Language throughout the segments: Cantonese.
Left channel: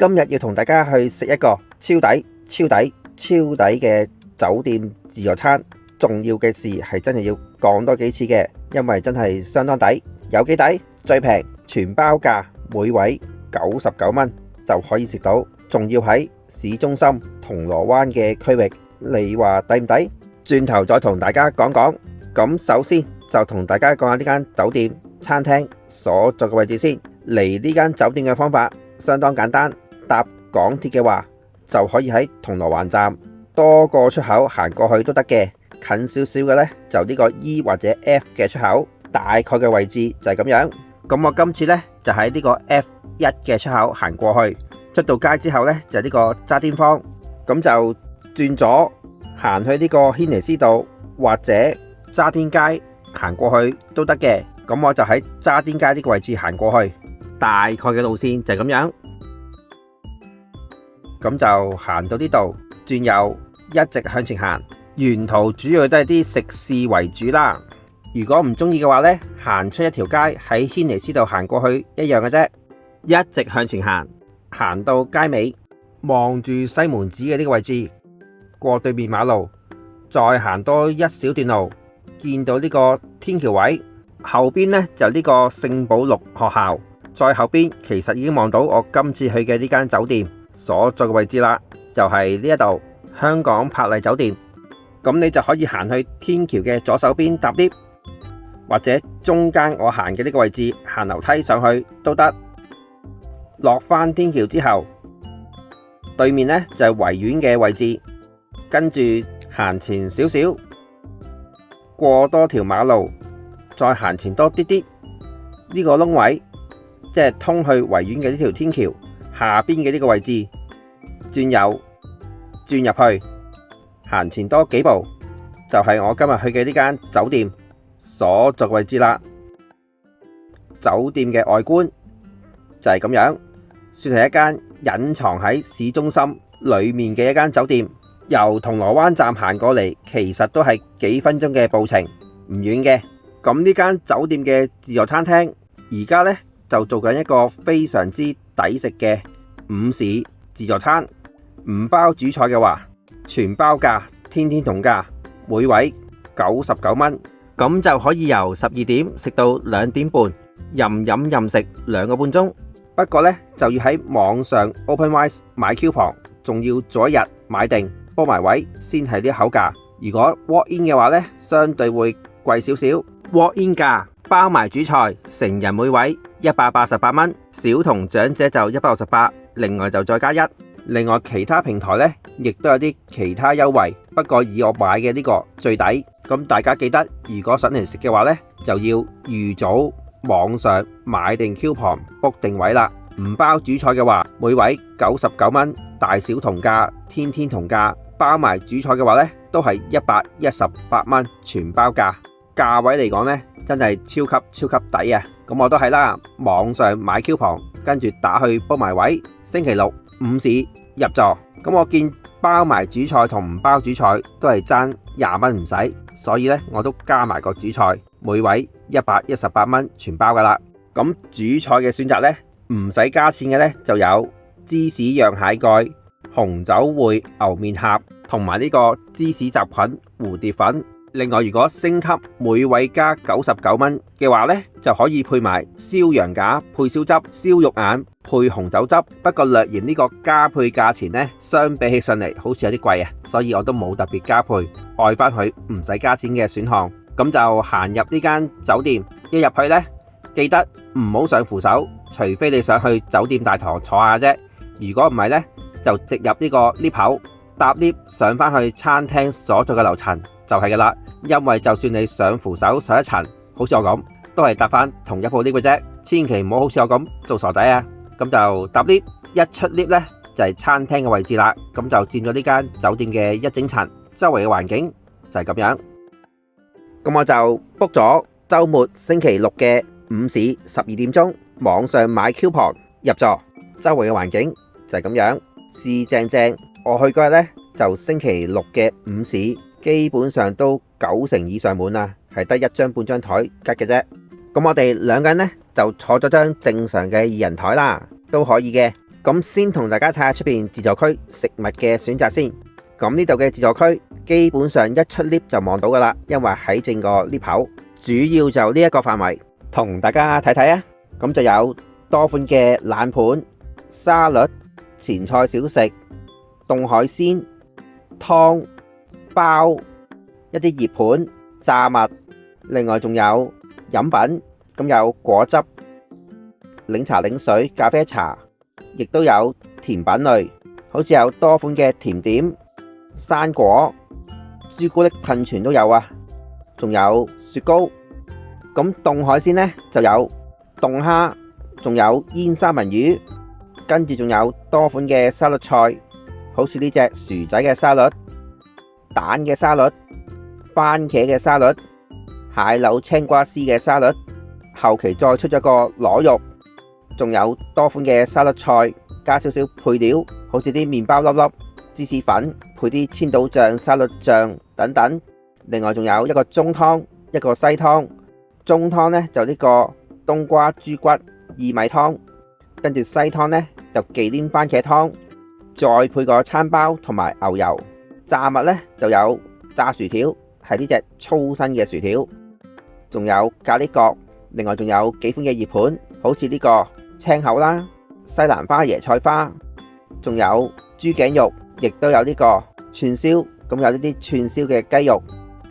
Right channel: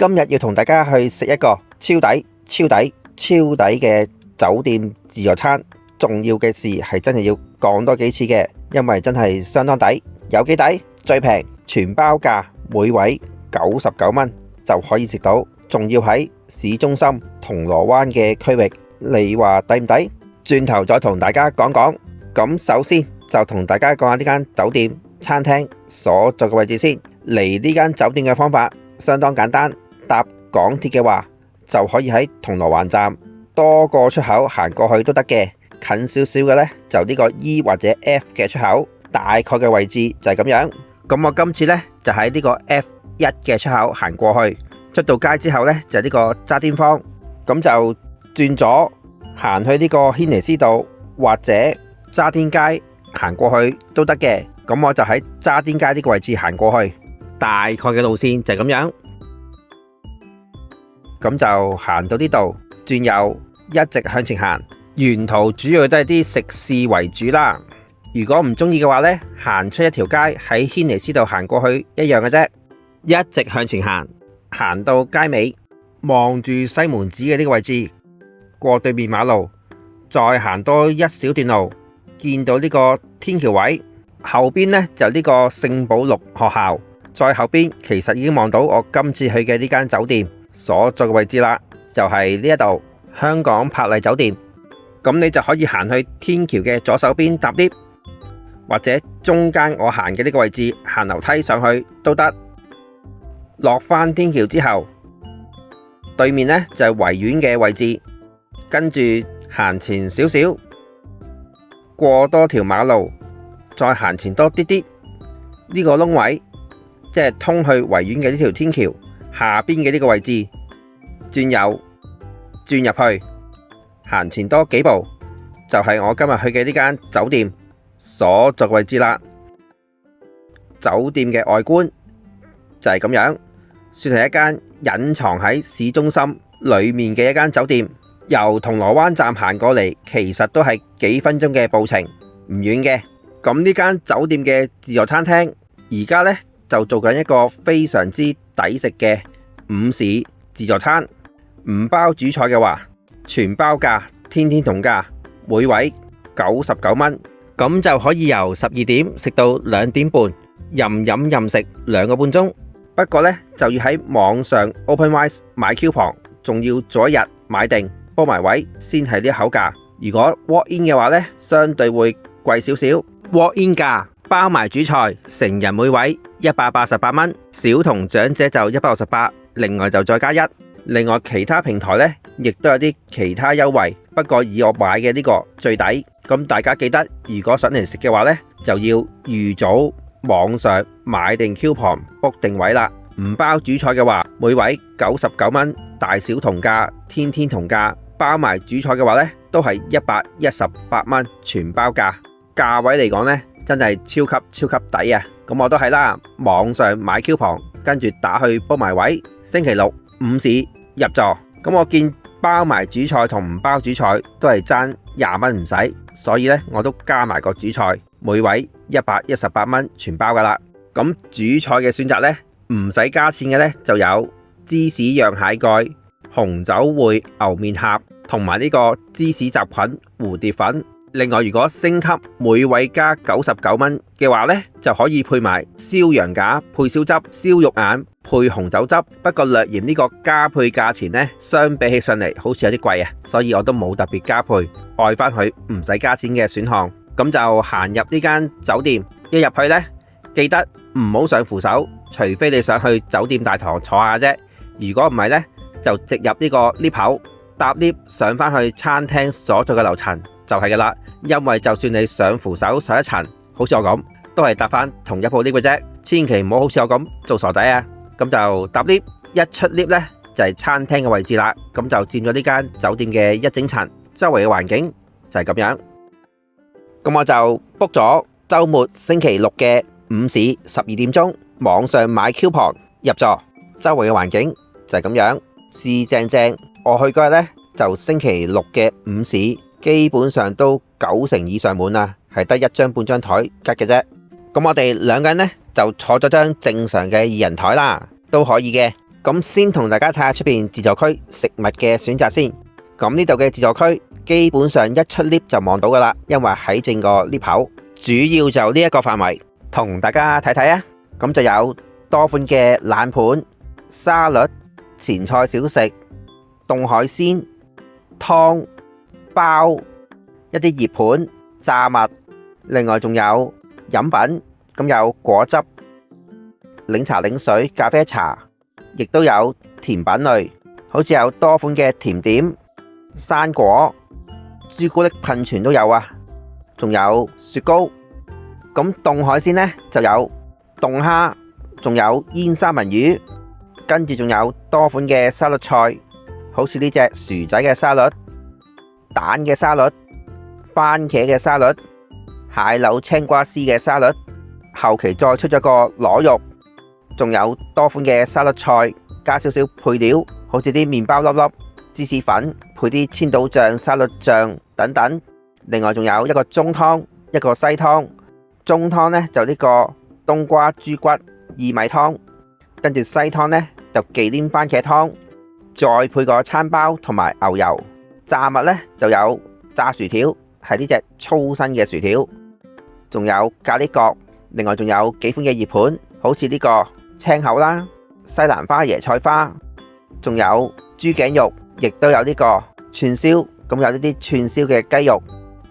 今日要同大家去食一個超抵、超抵、超抵嘅酒店自助餐。重要嘅事係真係要講多幾次嘅，因為真係相當抵。有幾抵？最平全包價，每位99蚊就可以食到，仲要喺市中心銅鑼灣嘅區域。你話抵唔抵？轉頭再同大家講講。咁首先就同大家講下呢間酒店餐廳所在嘅位置先。嚟呢間酒店嘅方法相當簡單，搭港鐵嘅話就可以喺銅鑼灣站多個出口行過去都得嘅。近少少嘅呢，就呢個 E 或者 F 嘅出口，大概嘅位置就係咁樣。咁我今次呢，就喺呢個 F1 嘅出口行過去，出到街之後呢，就係呢個渣甸坊，咁就轉左行去呢個軒尼詩道或者渣甸街行過去都得嘅。咁我就喺渣甸街呢個位置行過去，大概嘅路線就係咁樣。咁就行到呢度，轉右一直向前行。沿途主要都係啲食肆為主啦。如果唔中意嘅話呢，行出一條街喺軒尼詩道行過去一樣嘅啫。一直向前行，行到街尾，望住西門子嘅呢個位置，過對面馬路，再行多一小段路，見到呢個天橋位，後邊呢就呢個聖保祿學校，再後邊其實已經望到我今次去嘅呢間酒店所在嘅位置啦，就係呢一度香港柏麗酒店。咁你就可以行去天橋嘅左手邊搭 lift， 或者中間我行嘅呢個位置行樓梯上去都得。落返天橋之後，對面呢就係維園嘅位置，跟住行前少少，過多條馬路，再行前多啲啲，呢個窿位即係通去維園嘅呢條天橋下邊嘅呢個位置，轉右轉入去。行前多幾步就係我今日去嘅呢間酒店所在位置啦。酒店嘅外觀就係咁樣，算係一間隱藏喺市中心裏面嘅一間酒店。由銅鑼灣站行過嚟，其實都係幾分鐘嘅步程，唔遠嘅。咁呢間酒店嘅自助餐廳而家呢，就做緊一個非常之抵食嘅午市自助餐，唔包主菜嘅話，全包價，天天同價，每位99蚊，咁就可以由12點食到2點半，任飲任食2個半鐘。不過呢，就要喺網上 OpenRice 買 coupon， 仲要早一日買定煲埋位先係啲口價。如果 walk in 嘅話呢，相對會貴少少。walk in 價包埋主菜，成人每位188蚊，小童長者就168，另外就再加1。另外其他平台呢，亦都有啲其他優惠，不過以我買嘅呢個最抵。咁大家記得，如果想嚟食嘅話呢，就要預早網上買定 coupon book 定位啦。唔包主菜嘅話，每位99蚊，大小同價，天天同價。包埋主菜嘅話呢，都係118蚊，全包價。價位嚟講呢，真係超級抵啊！咁我都係啦，網上買 coupon， 跟住打去book埋位，星期六午市入座。咁我見包埋主菜同唔包主菜都係爭20蚊唔使，所以呢，我都加埋個主菜，每位118蚊全包噶啦。咁主菜嘅選擇呢，唔使加錢嘅呢，就有芝士釀蟹蓋、紅酒燴牛面頰同埋呢個芝士雜菌蝴蝶粉。另外如果升級每位加99蚊嘅話呢，就可以配埋燒羊架配燒汁、燒肉眼配紅酒汁。不過略嫌呢個加配價錢呢，相比起上嚟好似有啲貴啊，所以我都冇特別加配，愛翻佢唔使加錢嘅選項。咁就行入呢間酒店，一入去呢，記得唔好上扶手，除非你想去酒店大堂坐下啫。如果唔係呢，就直入呢個 lift 口，搭 lift 上翻去餐廳所在嘅樓層就係噶啦。因為就算你上扶手上一層，好似我咁，都係搭翻同一部 lift 嘅啫。千祈唔好好似我咁做傻仔啊！咁就搭 lift，一出 lift 呢，就係餐廳嘅位置啦。咁就佔咗呢間酒店嘅一整層，周圍嘅環境就係咁樣。咁我就 book 咗週末星期六嘅午市12點鐘，網上買 coupon 入座，周圍嘅環境就係咁樣，試正。我去嗰日呢，就星期六嘅午市，基本上都90%以上滿啦，係得一張半張台吉嘅啫。咁我哋2個人呢，就坐咗張正常嘅2人台啦，都可以嘅。咁先同大家睇下出邊自助區食物嘅選擇先。咁呢度嘅自助區基本上一出 lift 就望到噶啦，因為喺正個 lift 口，主要就呢一個範圍，同大家睇睇啊。咁就有多款嘅冷盤、沙律、前菜小食、凍海鮮、湯、包、一啲熱盤、炸物，另外仲有飲品，咁有果汁、檸茶、檸水、咖啡茶，亦都有甜品類，好似有多款嘅甜點、生果、朱古力噴泉都有啊，仲有雪糕。咁凍海鮮呢就有凍蝦，仲有煙三文魚，跟住仲有多款嘅沙律菜，好似呢隻薯仔嘅沙律、蛋嘅沙律、番茄嘅沙律、蟹柳青瓜絲嘅沙律，後期再出咗個螺肉，仲有多款嘅沙律菜，加少少配料，好似啲麵包粒粒、芝士粉，配啲千島醬、沙律醬等等。另外仲有一個中湯，一個西湯。中湯呢就呢個冬瓜豬骨薏米湯，跟住西湯呢就忌廉番茄湯，再配個餐包同埋牛油。炸物呢就有炸薯條，係呢隻粗身嘅薯條，仲有咖喱角，另外仲有幾款嘅熱盤，好似呢個青口啦、西蘭花椰菜花，仲有豬頸肉，亦都有呢個串燒，咁有呢啲串燒嘅雞肉。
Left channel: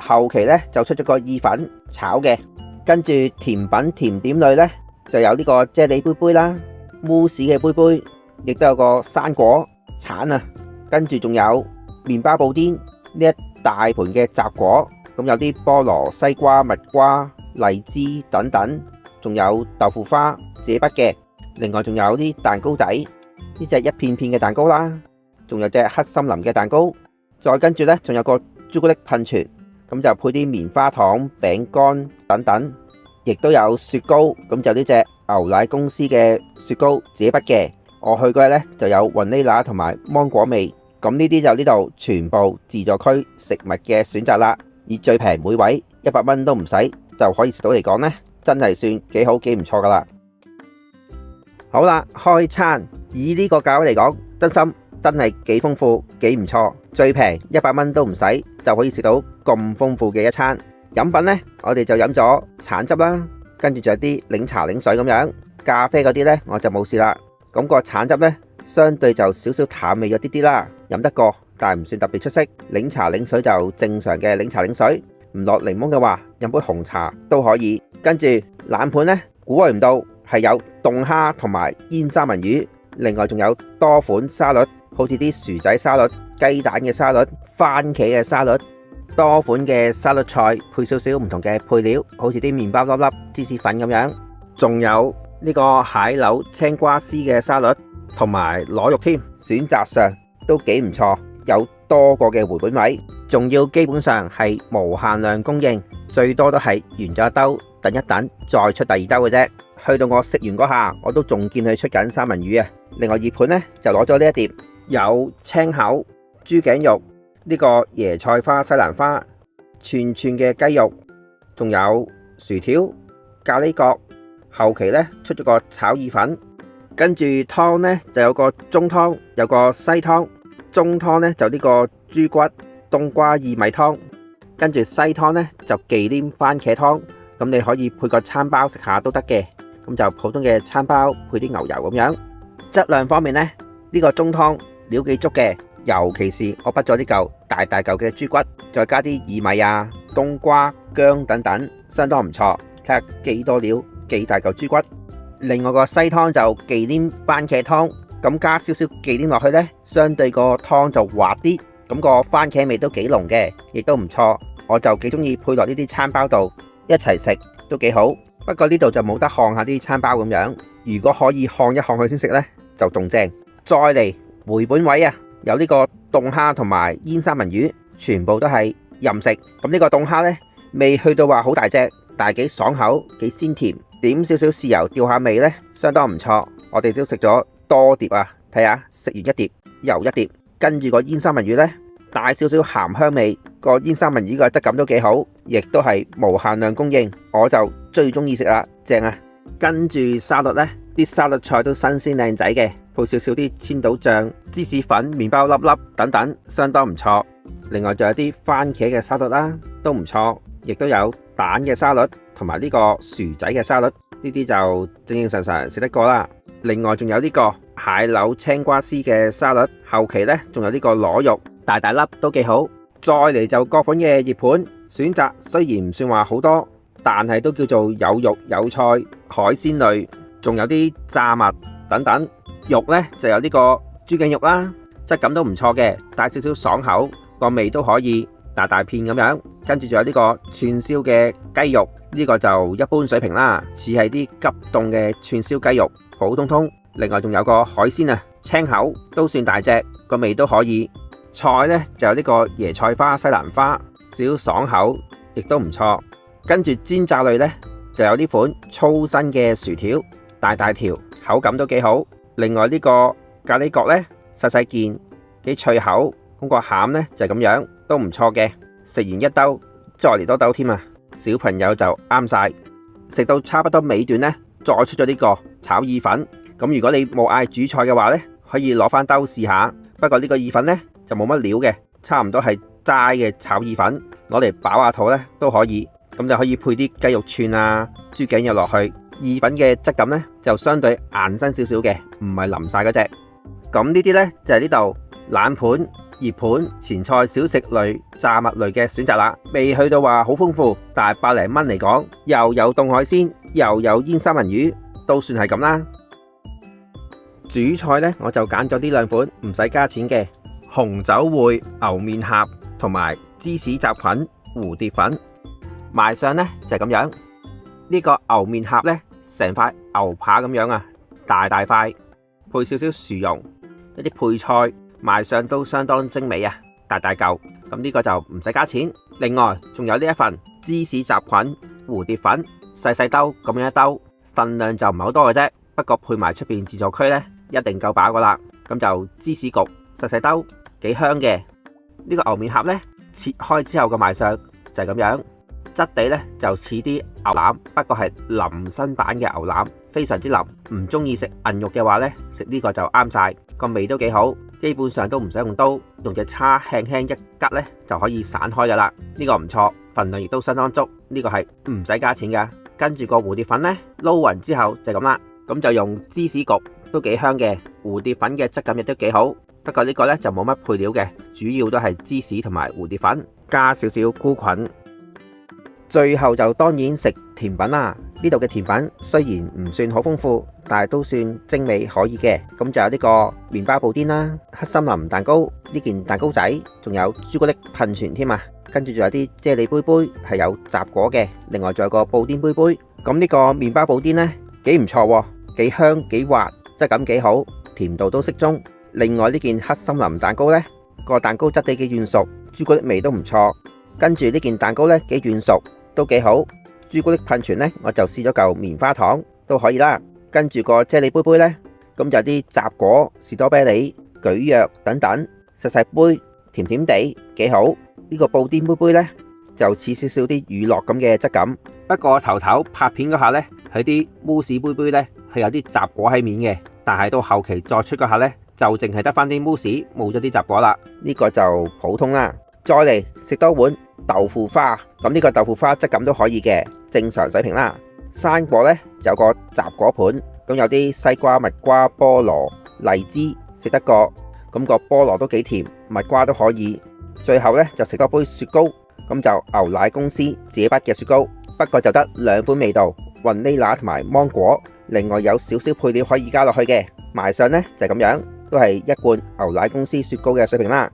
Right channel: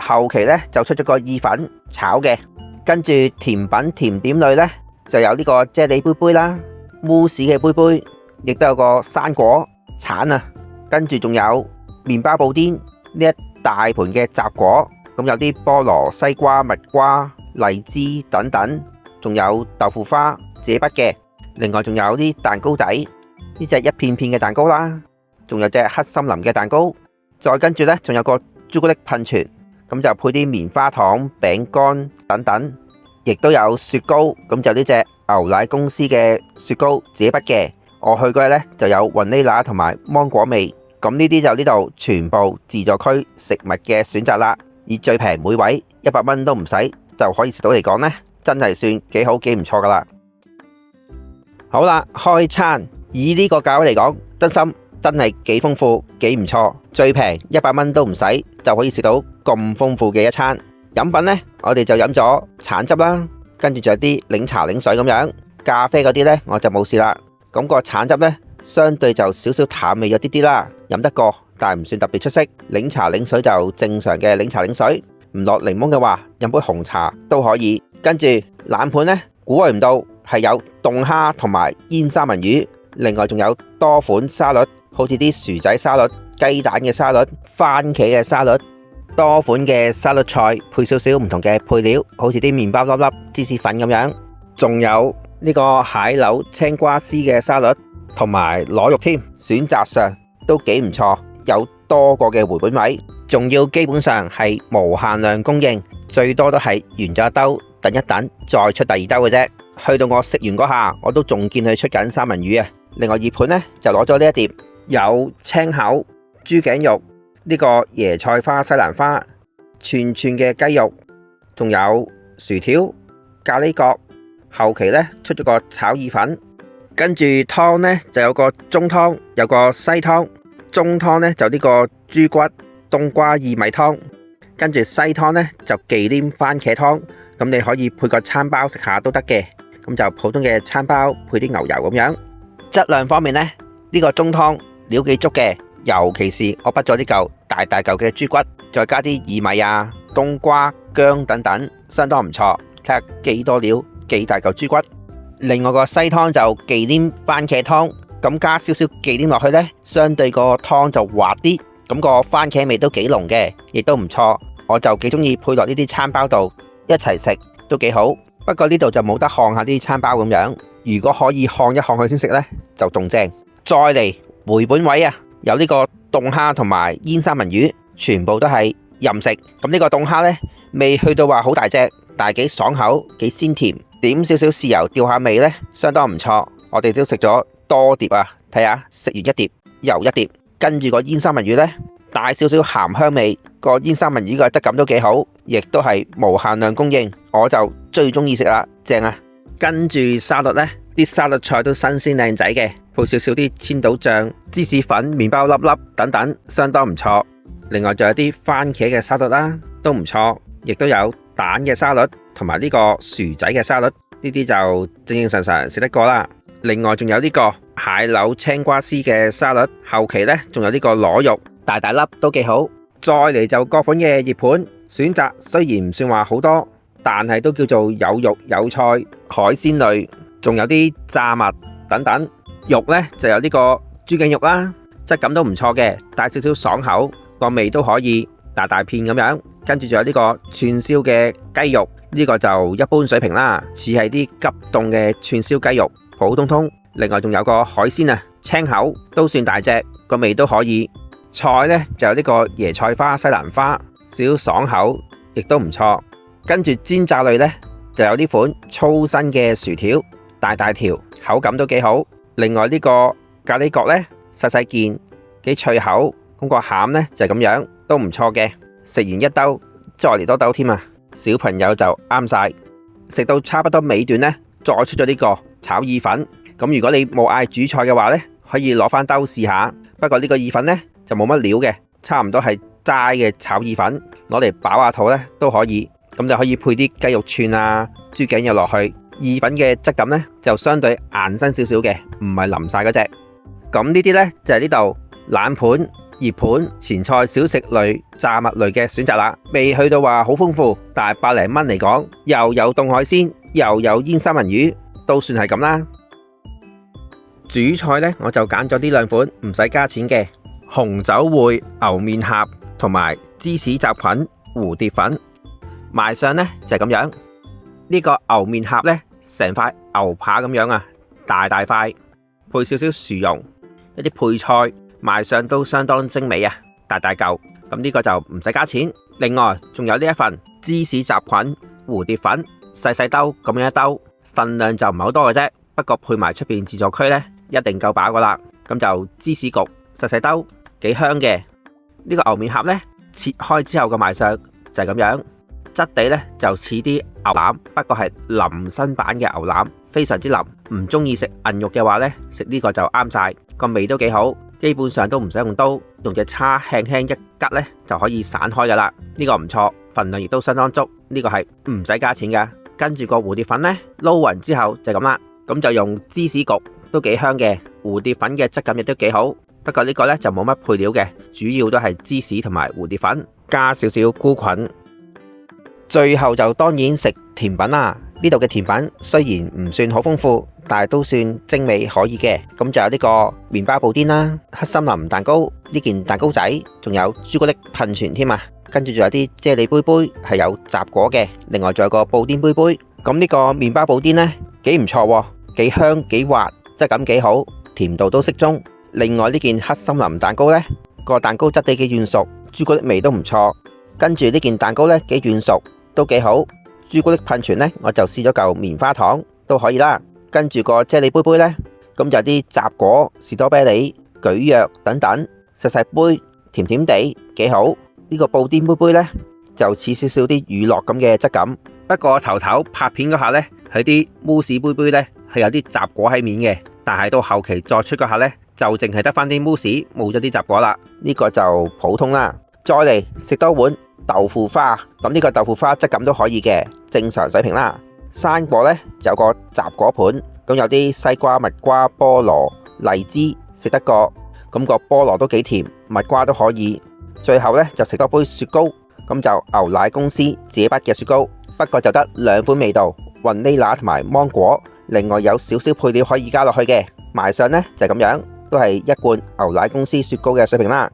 後期呢就出咗個意粉炒嘅。跟住甜品甜點類呢，就有呢個啫喱杯杯啦、慕斯嘅杯杯，亦都有個生果橙啊。跟住仲有麵包布甸，呢一大盤嘅雜果，咁有啲菠蘿、西瓜、蜜瓜、荔枝等等，仲有豆腐花自己畢嘅。另外仲有啲蛋糕仔，呢隻一片片嘅蛋糕啦，仲有隻黑森林嘅蛋糕。再跟住呢，仲有個朱古力噴泉。咁就配啲棉花糖、餅乾等等，亦都有雪糕。咁就呢隻牛奶公司嘅雪糕自己畢嘅。我去嗰日呢就有雲呢拿同埋芒果味。咁呢啲就呢度全部自助區食物嘅選擇啦。以最平每位100蚊都唔使就可以食到嚟講呢，真係算幾好幾唔錯噶啦。好啦，開餐以呢個價位嚟講，真係幾豐富幾唔錯，最平100蚊都唔使就可以食到咁豐富嘅一餐。飲品呢，我哋就飲咗橙汁啦，跟住仲有啲檸茶檸水咁樣。咖啡嗰啲呢，我就冇試啦。咁個橙汁呢，相對就少少淡味咗啲啲啦，飲得過，但係唔算特別出色。檸茶檸水就正常嘅檸茶檸水，唔落檸檬嘅話，飲杯紅茶都可以。跟住冷盤呢，估計唔到係有凍蝦同埋煙三文魚，另外仲有多款沙律。好似啲薯仔沙律、雞蛋嘅沙律、番茄嘅沙律，多款嘅沙律菜配少少唔同嘅配料，好似啲麵包粒粒、芝士粉咁樣，仲有呢個蟹柳青瓜絲嘅沙律，同埋螺肉添，選擇上都幾唔錯，有多個嘅回本位，仲要基本上係無限量供應，最多都係完咗一兜，等一等再出第二兜嘅啫。去到我食完嗰下，我都仲見佢出緊三文魚啊！另外熱盤呢，就攞咗呢一碟。有青口、豬頸肉，呢個椰菜花、西蘭花，串串嘅雞肉，仲有薯條、咖喱角。後期呢，出咗個炒意粉，跟住湯呢，就有個中湯，有個西湯。中湯呢，就呢個豬骨冬瓜薏米湯，跟住西湯呢，就忌廉番茄湯。咁你可以配個餐包食下都得嘅，咁就普通嘅餐包配啲牛油咁樣。質量方面呢，呢個中湯料幾足嘅，尤其是我畢咗啲嚿大大嚿嘅豬骨，再加啲薏米啊、冬瓜、薑等等，相當唔錯。睇下幾多料，幾大嚿豬骨。另外個西湯就忌廉番茄湯，咁加少少忌廉落去呢，相對個湯就滑啲，咁個番茄味都幾濃嘅，亦都唔錯。我就幾中意配落呢啲餐包度一齊食，都幾好。不過呢度就冇得烘下啲餐包咁樣，如果可以烘一烘佢先食呢，就仲正。再嚟回本位啊，有呢個凍蝦同埋煙三文魚，全部都係任食。咁呢個凍蝦呢，未去到話好大隻，但係幾爽口，幾鮮甜，點少少豉油調下味呢，相當唔錯。我哋都食咗多碟啊，睇下食完一碟又一碟。跟住個煙三文魚呢，帶少少鹹香味，個煙三文魚嘅質感都幾好，亦都係無限量供應，我就最中意食啦，正啊！跟住沙律呢，啲沙律菜都新鮮靚仔嘅，配少少啲千島醬、芝士粉、麵包粒粒等等，相當唔錯。另外仲有啲番茄嘅沙律啦，都唔錯，亦都有蛋嘅沙律同埋呢個薯仔嘅沙律，呢啲就正常常食得過啦。另外仲有呢個蟹柳青瓜絲嘅沙律，後期呢仲有呢個螺肉，大大粒都幾好。再嚟就各款嘅熱盤選擇，雖然唔算話好多，但係都叫做有肉有菜，海鮮類，仲有啲炸物等等。肉呢就有呢個豬頸肉啦，質感都唔錯嘅，帶少少爽口，個味都可以大大片咁樣。跟住仲有呢個串燒嘅雞肉，呢個就一般水平啦，似係啲急凍嘅串燒雞肉，普通通。另外仲有個海鮮啊，青口都算大隻，個味都可以。菜呢就有呢個椰菜花、西蘭花，少少爽口，亦都唔錯。跟住煎炸類呢，就有呢款粗身嘅薯條，大大條，口感都幾好。另外呢個咖喱角呢，細細件，幾脆口。咁個餡呢就係咁樣，都唔錯嘅。食完一兜，再嚟多兜添啊！小朋友就啱晒。食到差不多尾段呢，再出咗呢個炒意粉。咁如果你冇嗌主菜嘅話呢，可以攞翻兜試下。不過呢個意粉呢，就冇乜料嘅，差唔多係齋嘅炒意粉，攞嚟飽下肚呢都可以。咁就可以配啲雞肉串啊、豬頸肉落去。意粉嘅質感呢，就相對硬身少少嘅，唔係淋晒嗰隻。咁呢啲呢，就係呢度冷盤、熱盤、前菜、小食類、炸物類嘅選擇啦。未去到話好豐富，但係百零蚊嚟講，又有凍海鮮，又有煙三文魚，都算係咁啦。主菜呢，我就揀咗呢兩款唔使加錢嘅紅酒燴牛面頰同埋芝士雜菌蝴蝶粉。賣相呢，就係咁樣。呢個牛面頰呢，成塊牛扒咁樣啊，大大塊，配少少薯蓉，一啲配菜，賣相都相當精美啊，大大嚿。咁呢個就唔使加錢。另外仲有呢一份芝士雜菌蝴蝶粉，細細兜咁樣一兜，份量就唔係好多嘅啫。不過配埋出邊自助區呢，一定夠飽噶啦。咁就芝士焗細細兜，幾香嘅。呢個牛面頰呢，切開之後嘅賣相就係咁樣。質地呢就似啲牛腩，不過係淋身版嘅牛腩，非常之腍。唔中意食韌肉嘅話呢，食呢個就啱晒，個味都幾好。基本上都唔使用刀，用隻叉輕輕一吉呢就可以散開噶啦。呢個唔錯，份量亦都相當足。呢個係唔使加錢噶。跟住個蝴蝶粉呢，撈勻之後就咁啦。咁就用芝士焗都幾香嘅，蝴蝶粉嘅質感亦都幾好。不過呢個呢就冇乜配料嘅，主要都係芝士同埋蝴蝶粉，加少少菇菌。最後就當然食甜品啦。呢度嘅甜品雖然唔算好豐富，但係都算精美可以嘅。咁就有呢個麵包布甸啦、黑森林蛋糕呢件蛋糕仔，仲有朱古力噴泉添啊。跟住仲有啲啫喱杯杯係有雜果嘅，另外仲有個布甸杯杯。咁呢個麵包布甸呢，幾唔錯，幾香幾滑，質感幾好，甜度都適中。另外呢件黑森林蛋糕呢，個蛋糕質地幾軟熟，朱古力味都唔錯。跟住呢件蛋糕呢，幾軟熟，都幾好。朱古力噴泉呢，我就試咗嚿棉花糖都可以啦。跟住個啫喱杯杯呢，咁就有啲雜果、士多啤梨、蒟蒻等等，細細杯，甜甜地，幾好。呢個布甸杯杯呢，就似少少啲乳酪咁嘅質感。不過頭拍片嗰下呢，佢啲慕斯杯杯呢，係有啲雜果喺面嘅，但係到後期再出嗰下呢，就淨係得翻啲慕斯，冇咗啲雜果啦。呢個就普通啦。再嚟食多碗豆腐花，咁呢個豆腐花質感都可以嘅，正常水平啦。生果呢，就有個雜果盤，咁有啲西瓜、蜜瓜、菠蘿、荔枝食得過，咁個菠蘿都幾甜，蜜瓜都可以。最後呢，就食多杯雪糕，咁就牛奶公司自己筆嘅雪糕，不過就得兩款味道，雲呢拿同埋芒果，另外有少少配料可以加落去嘅。賣相呢，就係咁樣，都係一罐牛奶公司雪糕嘅水平啦。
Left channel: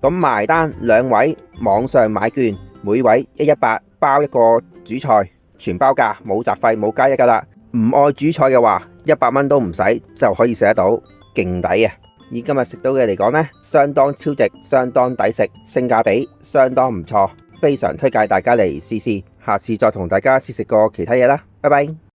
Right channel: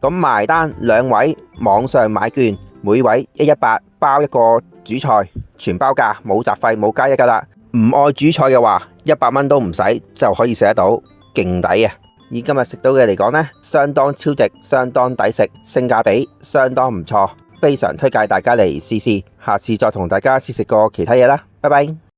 咁埋單兩位網上買券，每位118包一個主菜，全包價，冇雜費冇加一噶啦。唔愛主菜嘅話，100蚊都唔使就可以食得到，勁抵啊！以今日食到嘅嚟講呢，相當超值，相當抵食，性價比相當唔錯，非常推介大家嚟試試。下次再同大家試食過其他嘢啦，拜拜。